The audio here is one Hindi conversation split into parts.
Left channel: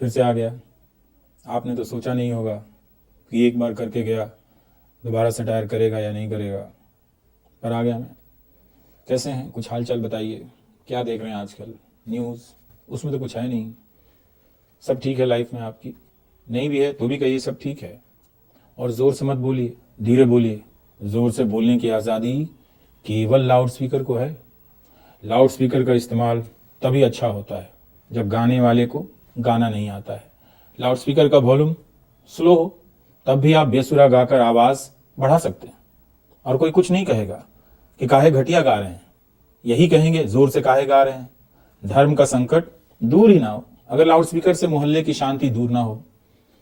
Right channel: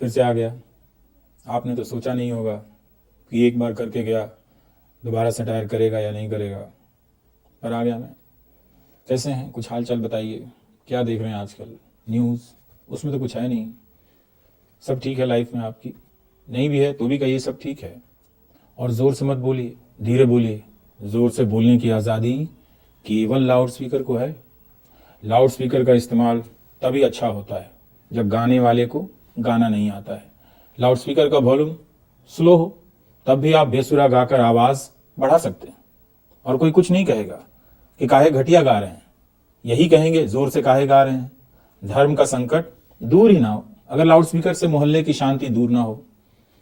फिर से आ गया। आपने तो सोचा नहीं होगा कि एक बार करके गया, दोबारा से टायर करेगा या नहीं करेगा, पर आ गया मैं। कैसे हैं, कुछ हाल चाल बताइए, क्या देख रहे हैं आजकल न्यूज़? उसमें तो कुछ है नहीं। सब ठीक है लाइफ में आपकी? नहीं भी है तो भी कहिए सब ठीक है। और ज़ोर से मत बोलिए, धीरे बोलिए। ज़ोर से बोलने की आज़ादी केवल लाउड स्पीकर को है। लाउड स्पीकर का इस्तेमाल तभी अच्छा होता है जब गाने वाले को गाना नहीं आता है। लाउड स्पीकर का वॉल्यूम स्लो हो तब भी आप बेसुरा गाकर आवाज़ बढ़ा सकते हैं, और कोई कुछ नहीं कहेगा कि काहे घटिया गा रहे हैं। यही कहेंगे ज़ोर से काहे गा रहे हैं। धर्म का संकट दूर ही ना हो अगर लाउड स्पीकर से मोहल्ले की शांति दूर ना हो।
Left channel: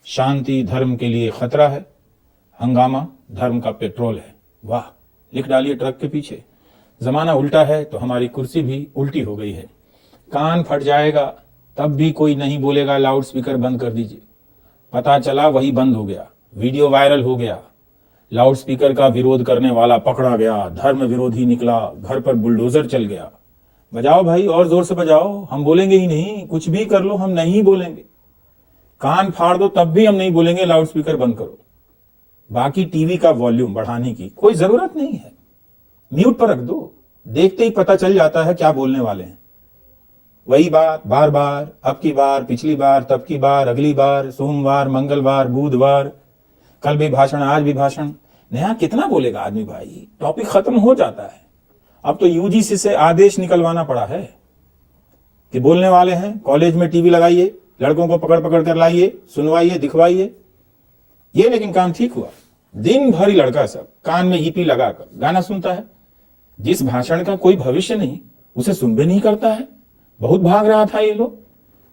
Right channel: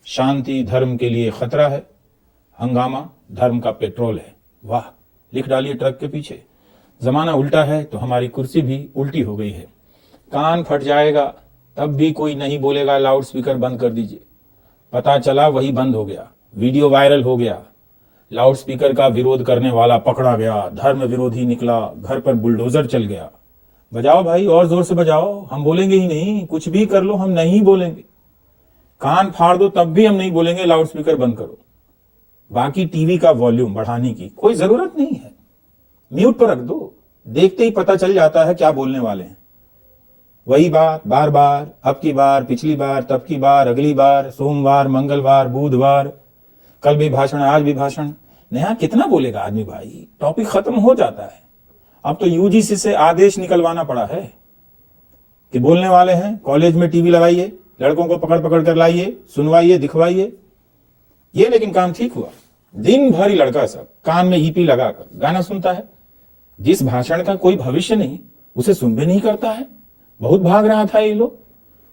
शांति धर्म के लिए खतरा है, हंगामा धर्म का पेट्रोल है। वाह, लिख डालिए ट्रक के पीछे। जमाना उल्टा है तो हमारी कुर्सी भी उल्टी हो गई है। कान फट जाएगा तब भी कोई नहीं बोलेगा लाउड स्पीकर बंद कर दीजिए। पता चला वही बंद हो गया, वीडियो वायरल हो गया, लाउड स्पीकर का विरोध करने वाला पकड़ा गया, धर्म विरोधी निकला, घर पर बुलडोजर चल गया। बजाओ भाई, और जोर से बजाओ, हम बोलेंगे ही नहीं। कुछ भी कर लो हम नहीं बोलेंगे। कान फाड़ दो तब भी हम नहीं बोलेंगे लाउड स्पीकर बंद करो। बाकी टीवी का वॉल्यूम बढ़ाने की कोई जरूरत नहीं है, म्यूट पर रख दो, देखते ही पता चल जाता है क्या बोलने वाले हैं। वही बात बार बार, अब की बार, पिछली बार, तब की बार, अगली बार, सोमवार, मंगलवार, बुधवार, कल भी भाषण, आज भी भाषण। नया कितना बोलेगा आदमी भाई, टॉपिक खत्म हो जाता है। अब तो यूजीसी से आदेश निकलवाना पड़ा है कि बोलने वाले हैं कॉलेज में टीवी लगाइए, लड़कों को पकड़ पकड़ कर लाइए, सुनवाइए, दिखवाइए। ये लेकिन काम ठीक हुआ, दिन भर ही लड़का सब कान में ईपी लगाकर गाना सुनता है। जिस भाषण का कोई भविष्य नहीं उसे सुन भी नहीं करता है। बहुत भाग रहा था ये लोग।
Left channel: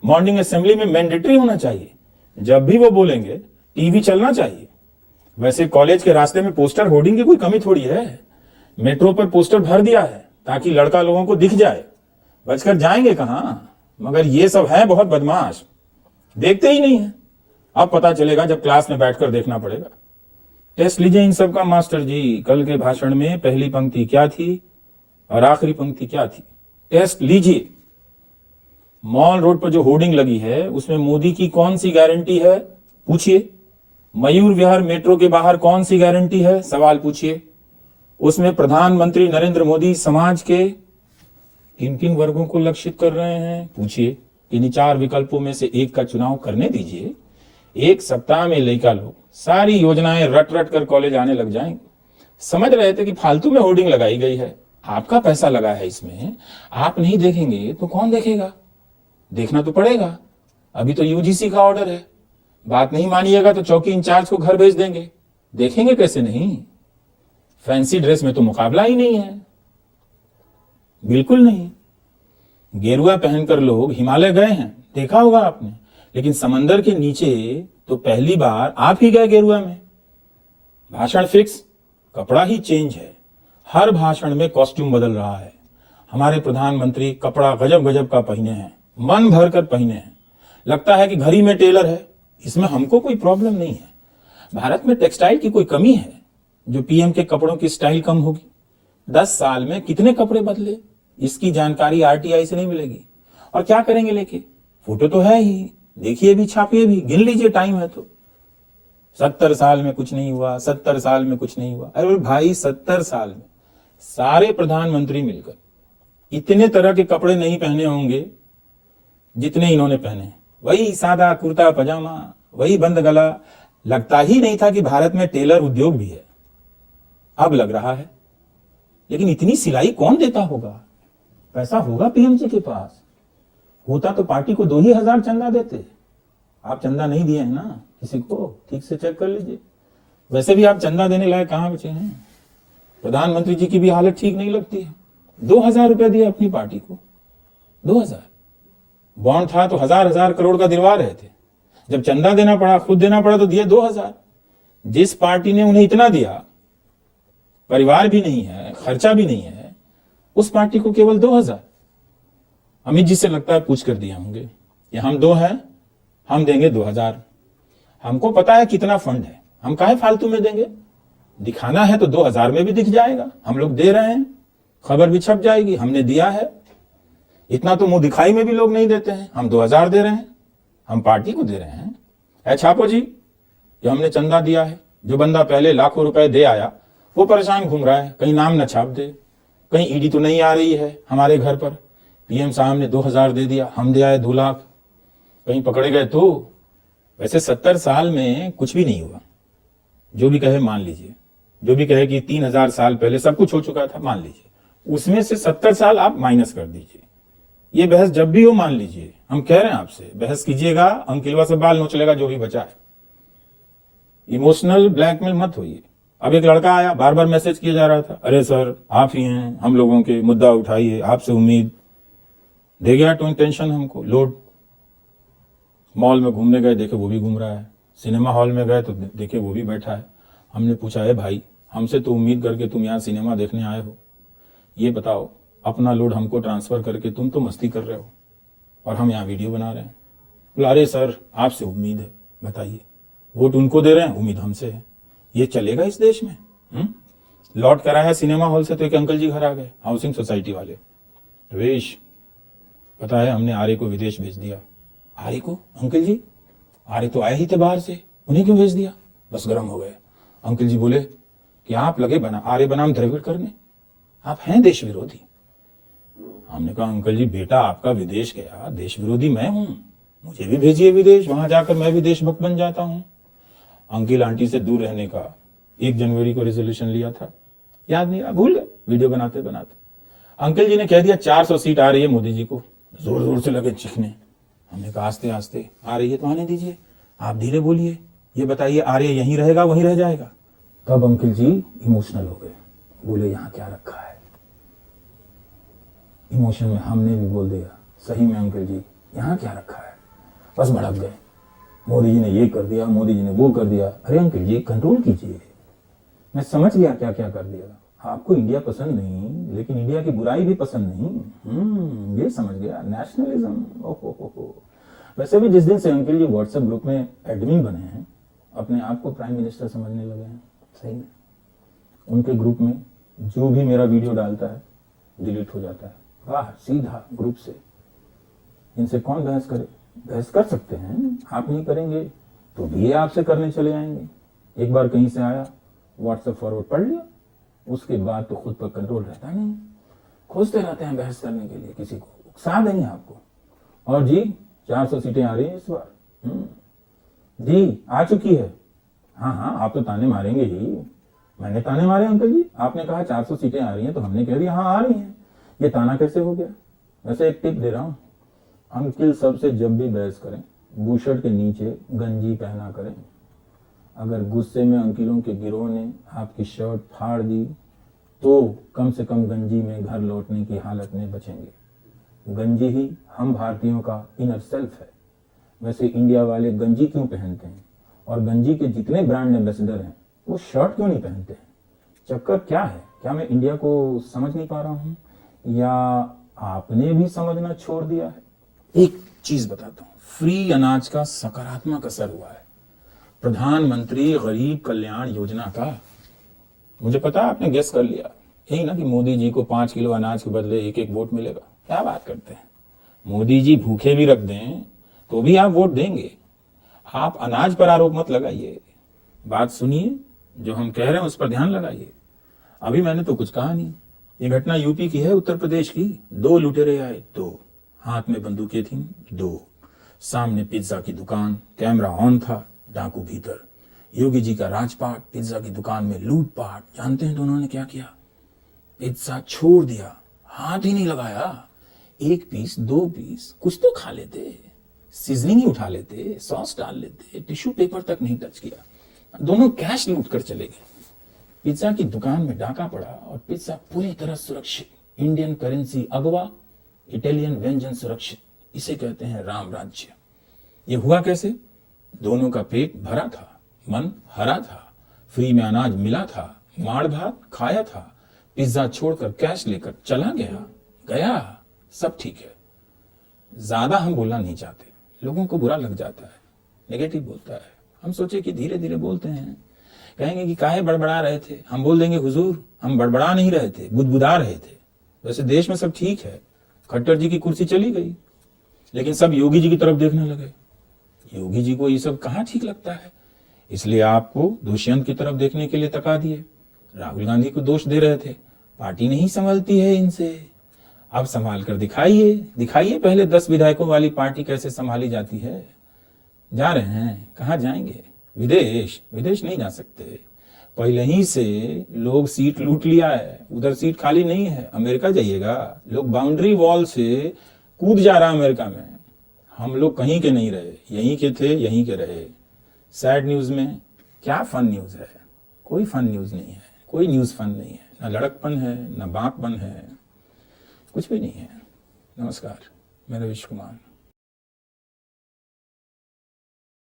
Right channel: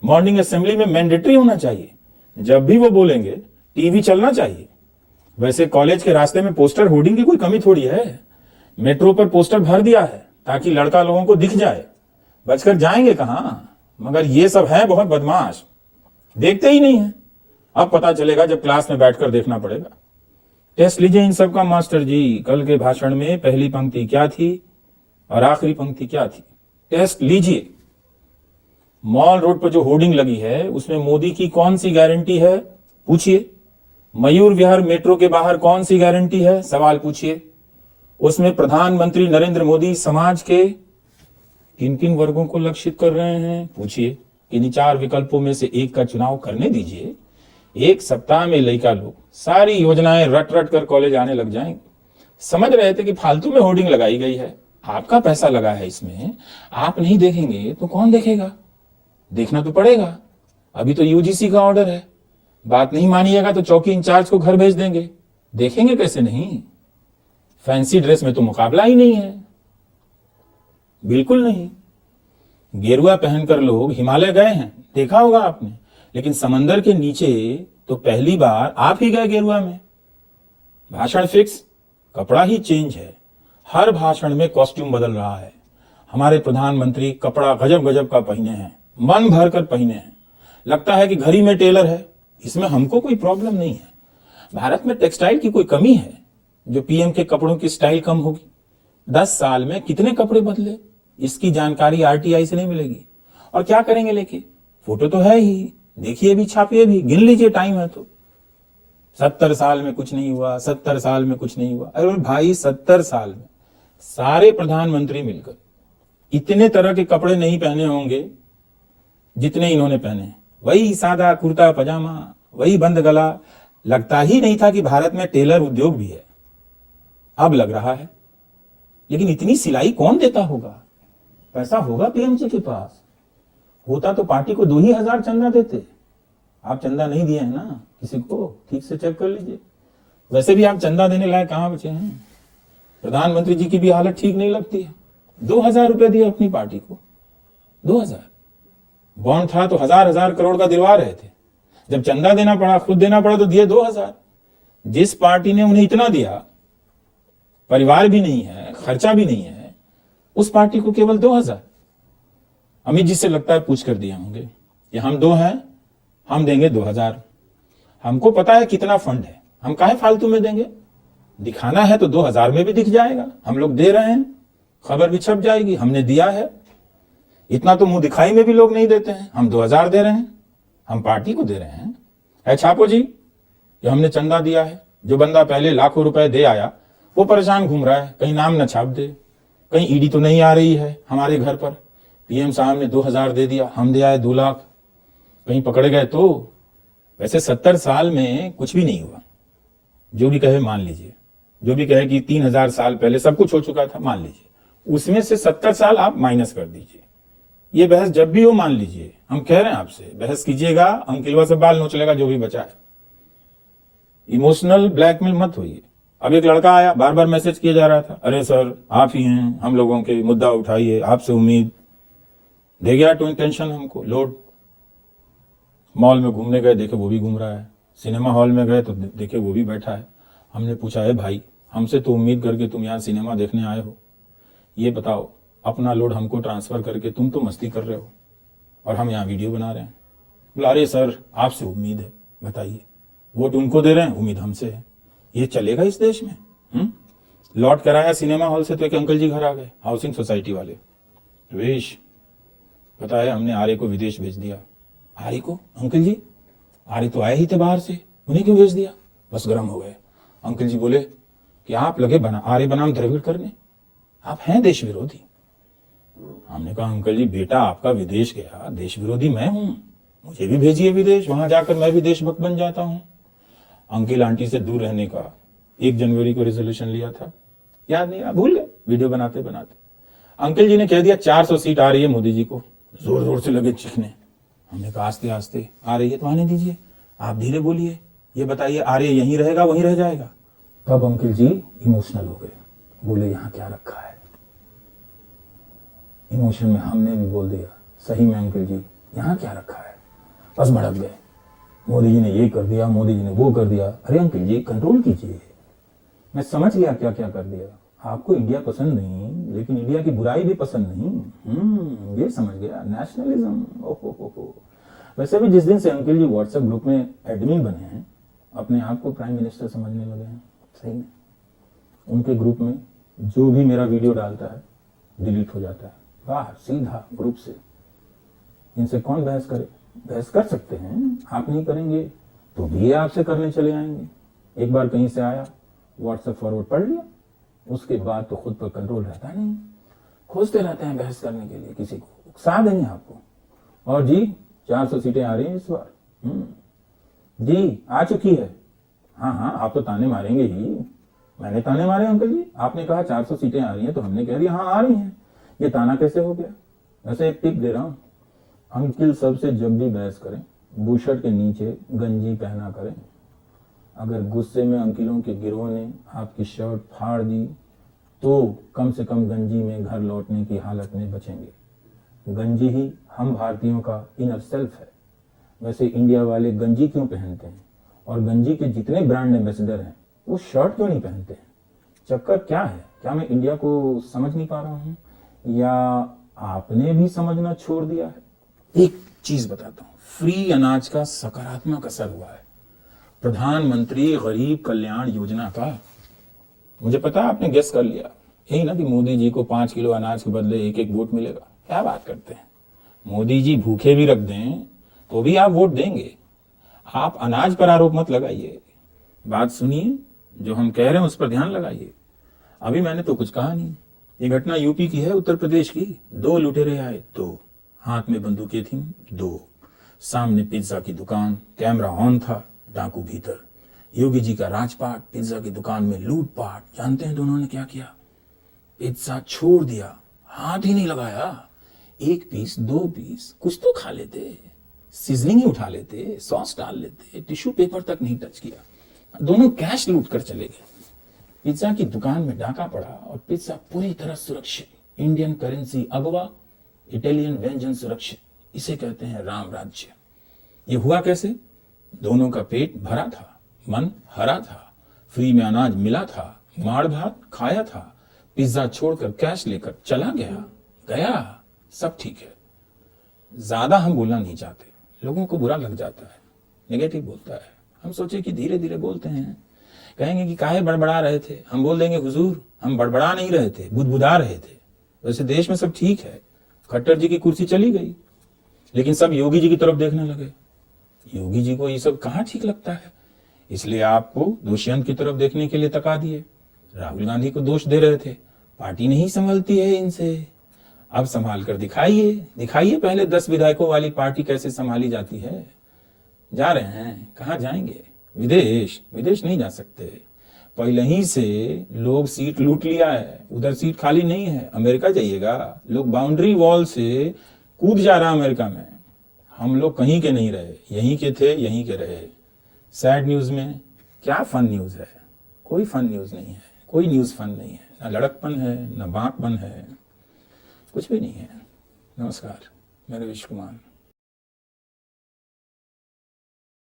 मॉर्निंग असेंबली में मैंडेटरी होना चाहिए, जब भी वो बोलेंगे टीवी चलना चाहिए। वैसे कॉलेज के रास्ते में पोस्टर होर्डिंग की कोई कमी थोड़ी है। मेट्रो पर पोस्टर भर दिया है ताकि लड़का लोगों को दिख जाए, बचकर जाएंगे कहां। मगर ये सब है बहुत बदमाश, देखते ही नहीं है। अब पता चलेगा जब क्लास में बैठकर देखना पड़ेगा। टेस्ट लीजिए इन सब का मास्टर जी, कल के भाषण में पहली पंक्ति क्या थी और आखिरी पंक्ति क्या थी, टेस्ट लीजिए। मॉल रोड पर जो होर्डिंग लगी है उसमें मोदी की कौन सी गारंटी है, पूछिए। मयूर विहार मेट्रो के बाहर कौन सी गारंटी है, सवाल पूछिए। उसमें प्रधानमंत्री नरेंद्र मोदी समाज के किन किन वर्गों को लक्षित कर रहे हैं, पूछिए। इन 4 विकल्पों में से एक का चुनाव करने दीजिए। एक सप्ताह में लड़का लोग सारी योजनाएं रट रट कर कॉलेज आने लग जाएंगे। समझ रहे थे कि फालतू में होर्डिंग लगाई गई है, आपका पैसा लगा है इसमें, आप नहीं देखेंगे तो कौन देखेगा। देखना तो पड़ेगा। अभी तो यूजीसी का ऑर्डर है, बात नहीं मानिएगा तो चौकी इंचार्ज को घर भेज देंगे। देखेंगे कैसे नहीं। फैंसी ड्रेस में तो मुकाबला ही नहीं है, बिल्कुल नहीं। गेरुआ पहनकर लोग हिमालय गए हैं, देखा होगा आपने, लेकिन समंदर के नीचे तो पहली बार आप ही गए गेरुआ में। भाषण फिक्स, कपड़ा ही चेंज है। हर भाषण में कॉस्ट्यूम बदल रहा है। हमारे प्रधानमंत्री कपड़ा गजब गजब का पहने हैं, मन भर कर पहने हैं। लगता है कि घड़ी में टेलर है। इसमें हमको कोई प्रॉब्लम नहीं है। भारत में टेक्सटाइल की कोई कमी है जो पीएम के कपड़ों की स्टाइल कम होगी। 10 साल में कितने कपड़े बदले, इसकी जानकारी आरटीआई से नहीं मिलेगी। और क्या करेंगे लेके, फोटो तो है ही, देखिए भी, छापिए भी, गिन लीजिए, टाइम है तो। 70 साल में कुछ नहीं हुआ, 70 साल में कुछ नहीं हुआ। अरे भाई, 70 साल में सारे प्रधानमंत्री मिलकर इतने तरह के कपड़े नहीं पहने होंगे जितने इन्होंने पहने हैं। वही सादा कुर्ता पजामा, वही बंद गला। लगता ही नहीं था कि भारत में टेलर उद्योग भी है, अब लग रहा है। लेकिन इतनी सिलाई कौन देता होगा, पैसा होगा पीएम जी के पास। होता तो पार्टी को 2,000 चंदा देते। आप चंदा नहीं दिए हैं ना किसी को, ठीक से चेक कर लीजिए। वैसे भी आप चंदा देने लायक कहां बचे हैं। प्रधानमंत्री जी की भी हालत ठीक नहीं लगती है। 2,000 रुपए दिए अपनी पार्टी को, 2,000। बॉन्ड था तो 1,000 करोड़ का दिलवा रहे थे। जब चंदा देना पड़ा, खुद देना पड़ा, तो दिए 2,000। जिस पार्टी ने उन्हें इतना दिया, परिवार भी नहीं है, खर्चा भी नहीं है, उस पार्टी को केवल 2,000। अमित जी से लगता है पूछ कर दिया होंगे, ये हम 2 हैं, हम देंगे 2,000। हमको पता है कितना फंड है, हम काहे फालतू में देंगे। दिखाना है तो 2,000 में भी दिख जाएगा, हम लोग दे रहे हैं, खबर भी छप जाएगी, हमने दिया है। इतना तो मुंह दिखाई में भी लोग नहीं देते हैं, हम 2,000 दे रहे हैं। हम पार्टी को दे रहे हैं। है छापो जी, ये हमने चंदा दिया है। जो बंदा पहले लाखों रुपए दे आया वो परेशान घूम रहा है, कहीं नाम न छाप दे, कहीं ईडी तो नहीं आ रही है हमारे घर पर। पीएम साहब ने 2000 दे दिया, हम दे आए 2 लाख, कहीं पकड़े गए तो। वैसे 70 साल में कुछ भी नहीं हुआ। जो भी कहे मान लीजिए, जो भी कहे कि 3000 साल पहले सब कुछ हो चुका था, मान लीजिए, उसमें से 70 साल आप माइनस कर दीजिए। ये बहस जब भी हो मान लीजिए, हम कह रहे हैं आपसे बहस कीजिएगा, अंकिलवा से बाल नोचलेगा जो भी बचा है। इमोशनल ब्लैकमेल मत होइए। अब एक लड़का आया, बार बार मैसेज किया जा रहा था, अरे सर आप ही हैं, हम लोगों के मुद्दा उठाइए, आपसे उम्मीद। दे गया तो टेंशन हमको लोड। मॉल में घूमने गए, देखे वो भी घूम रहा है। सिनेमा हॉल में गए तो देखे वो भी बैठा है। हमने पूछा है भाई, हमसे तो उम्मीद करके तुम यहाँ सिनेमा देखने आए हो, ये बताओ अपना लोड हमको ट्रांसफर करके तुम तो मस्ती कर रहे हो और हम यहाँ वीडियो बना रहे हैं। बोला अरे सर आपसे उम्मीद है, बताइए, वोट उनको दे रहे हैं, उम्मीद हमसे है, ये चलेगा इस देश में? लौट कर आया सिनेमा हॉल से तो एक अंकल जी घर आ गए, हाउसिंग सोसाइटी वाले। वेश पता है हमने आर्य को विदेश भेज दिया। आर्य को? अंकल जी आर्य तो आए ही थे बाहर से, उन्हें क्यों भेज दिया? बस गर्म हो गए। अंकल जी बोले कि आप लगे बना आर्य बनाम द्रविड़ करने, आप हैं देश विरोधी। हमने कहा अंकल जी बेटा आपका विदेश गया, देश विरोधी मैं हूं, मुझे भी भेजिए विदेश, वहां जाकर मैं भी देशभक्त बन जाता हूं। अंकल आंटी से दूर रहने का 1 जनवरी को रेजोल्यूशन लिया था, याद नहीं, भूल गए वीडियो बनाते बनाते। अंकल जी ने कह दिया 400 सीट आ रही है मोदी जी को, जोर जोर से लगे चीखने। हमने कहा आस्ते आस्ते आ रही है तो आने दीजिए, आप धीरे बोलिए, ये बताइए आर्य यहीं रहेगा वहीं रह जाएगा? तब अंकल जी इमोशनल हो गए, बोले यहाँ क्या रखा है। इमोशन में हमने भी बोल दिया सही में अंकल जी यहाँ क्या रखा है। बस भड़क गए, मोदी जी ने ये कर दिया, मोदी जी ने वो कर दिया। अरे अंकल जी कंट्रोल कीजिए, मैं समझ गया क्या क्या कर दिया। आपको इंडिया पसंद नहीं, लेकिन इंडिया की बुराई भी पसंद नहीं, ये समझ गया, नेशनलिज्म। ओहो। वैसे भी जिस दिन से अंकल जी व्हाट्सएप ग्रुप में एडमिन बने हैं, अपने आप को प्राइम मिनिस्टर समझने लगे हैं। सही में उनके ग्रुप में जो भी मेरा वीडियो डालता है डिलीट हो जाता है, बाहर सीधा ग्रुप से। इनसे कौन बहस करे? बहस कर सकते हैं, आप नहीं करेंगे तो भी ये आपसे करने चले आएंगे। एक बार कहीं से आया, व्हाट्सएप फॉरवर्ड पढ़ लिया, उसके बाद तो खुद पर कंट्रोल रहता नहीं, खोजते रहते हैं बहस करने के लिए, किसी को उकसा देंगे आपको। और जी 400 सीटें आ रही हैं इस बार, जी आ चुकी है। हाँ आप तो ताने मारेंगे ही, मैंने ताने मारे अंकल जी, आपने कहा 400 सीटें आ रही हैं तो हमने कह दिया हाँ आ रही हैं, ये ताना कैसे हो गया? वैसे एक टिप दे रहा हूँ, अंकिल सबसे जब भी बहस करें बुशर्ट के नीचे गंजी पहना करें। अगर गुस्से में अंकिलों के गिरोह ने आपकी शर्ट फाड़ दी तो कम से कम गंजी में घर लौटने की हालत में बचेंगे। गंजी ही हम भारतीयों का इनर सेल्फ है। वैसे इंडिया वाले गंजी क्यों पहनते हैं, और गंजी के जितने ब्रांड एम्बेसडर हैं वो शर्ट क्यों नहीं पहनते हैं? चक्कर क्या है? क्या मैं इंडिया को समझ नहीं पा रहा हूँ, या आपने भी समझना छोड़ दिया है? एक चीज बताता हूँ, फ्री अनाज का सकारात्मक असर हुआ है प्रधानमंत्री गरीब कल्याण योजना का। मुझे पता आपने गेस कर लिया, यही ना कि मोदी जी को 5 किलो अनाज के बदले 1-1 वोट मिलेगा। क्या बात करते हैं, मोदी जी भूखे भी रख दें तो भी आप वोट देंगे। आप अनाज पर आरोप मत लगाइए, बात सुनिए, जो हम कह रहे हैं उस पर ध्यान लगाइए। अभी मैंने तो कुछ कहा नहीं, ये घटना यूपी की है, उत्तर प्रदेश की। 2 लुटेरे आए, 2 हाथ में बंदूकें थी, 2 सामने पिज्जा की दुकान, कैमरा ऑन था, डाकू भीतर। योगी जी का राजपाट, पिज्जा की दुकान में लूटपाट। जानते हैं तो उन्होंने क्या किया? पिज्जा छोड़ दिया, हाथ ही नहीं लगाया। 1 पीस 2 पीस कुछ तो खा लेते, सीजनिंग ही उठा लेते, सॉस डाल लेते, टिश्यू पेपर तक नहीं टच किया। दोनों कैश लूट कर चले गए। पिज्जा की दुकान में डाका पड़ा और पिज्जा पूरी तरह सुरक्षित। इंडियन करेंसी अगवा, इटालियन व्यंजन सुरक्षित। इसे कहते हैं राम राज्य। ये हुआ कैसे? दोनों का पेट भरा था, मन हरा था, फ्री में अनाज मिला था, माड़ भात खाया था, पिज्जा छोड़कर कैश लेकर चला गया, सब ठीक है। ज्यादा हम बोलना नहीं चाहते, लोगों को बुरा लग जाता है, नेगेटिव बोलता है। हम सोचे कि धीरे धीरे बोलते हैं, कहेंगे कि काहे बड़बड़ा रहे थे। हम बोल देंगे हुजूर हम बड़बड़ा नहीं रहे थे, बुदबुदा रहे थे। वैसे देश में सब ठीक है, खट्टर जी की कुर्सी चली गई, लेकिन सब योगी जी की तरफ देखने लगे। योगी जी को ये सब कहाँ ठीक लगता है, इसलिए आपको दोषियों की तरफ देखने के लिए तका दिए। राहुल गांधी को दोष दे रहे थे, पार्टी नहीं संभलती है इनसे, अब संभाल कर दिखाइए, दिखाइए पहले 10 विधायकों वाली पार्टी कैसे संभाली जाती है। जा रहे हैं, कहाँ जाएंगे? विदेश? विदेश नहीं जा सकते, पहले ही से लोग सीट लूट लिया है, उधर सीट खाली नहीं है। अमेरिका जाइएगा, लोग बाउंड्री वॉल से कूद जा रहा है अमेरिका में। हम लोग कहीं के नहीं रहे, यहीं के थे, यहीं के रहे। सैड न्यूज में क्या फन न्यूज है? कोई फन न्यूज नहीं है, कोई न्यूज फन नहीं है, ना लड़कपन है, ना बांकपन है, कुछ भी नहीं है। नमस्कार, मैं रविश कुमार।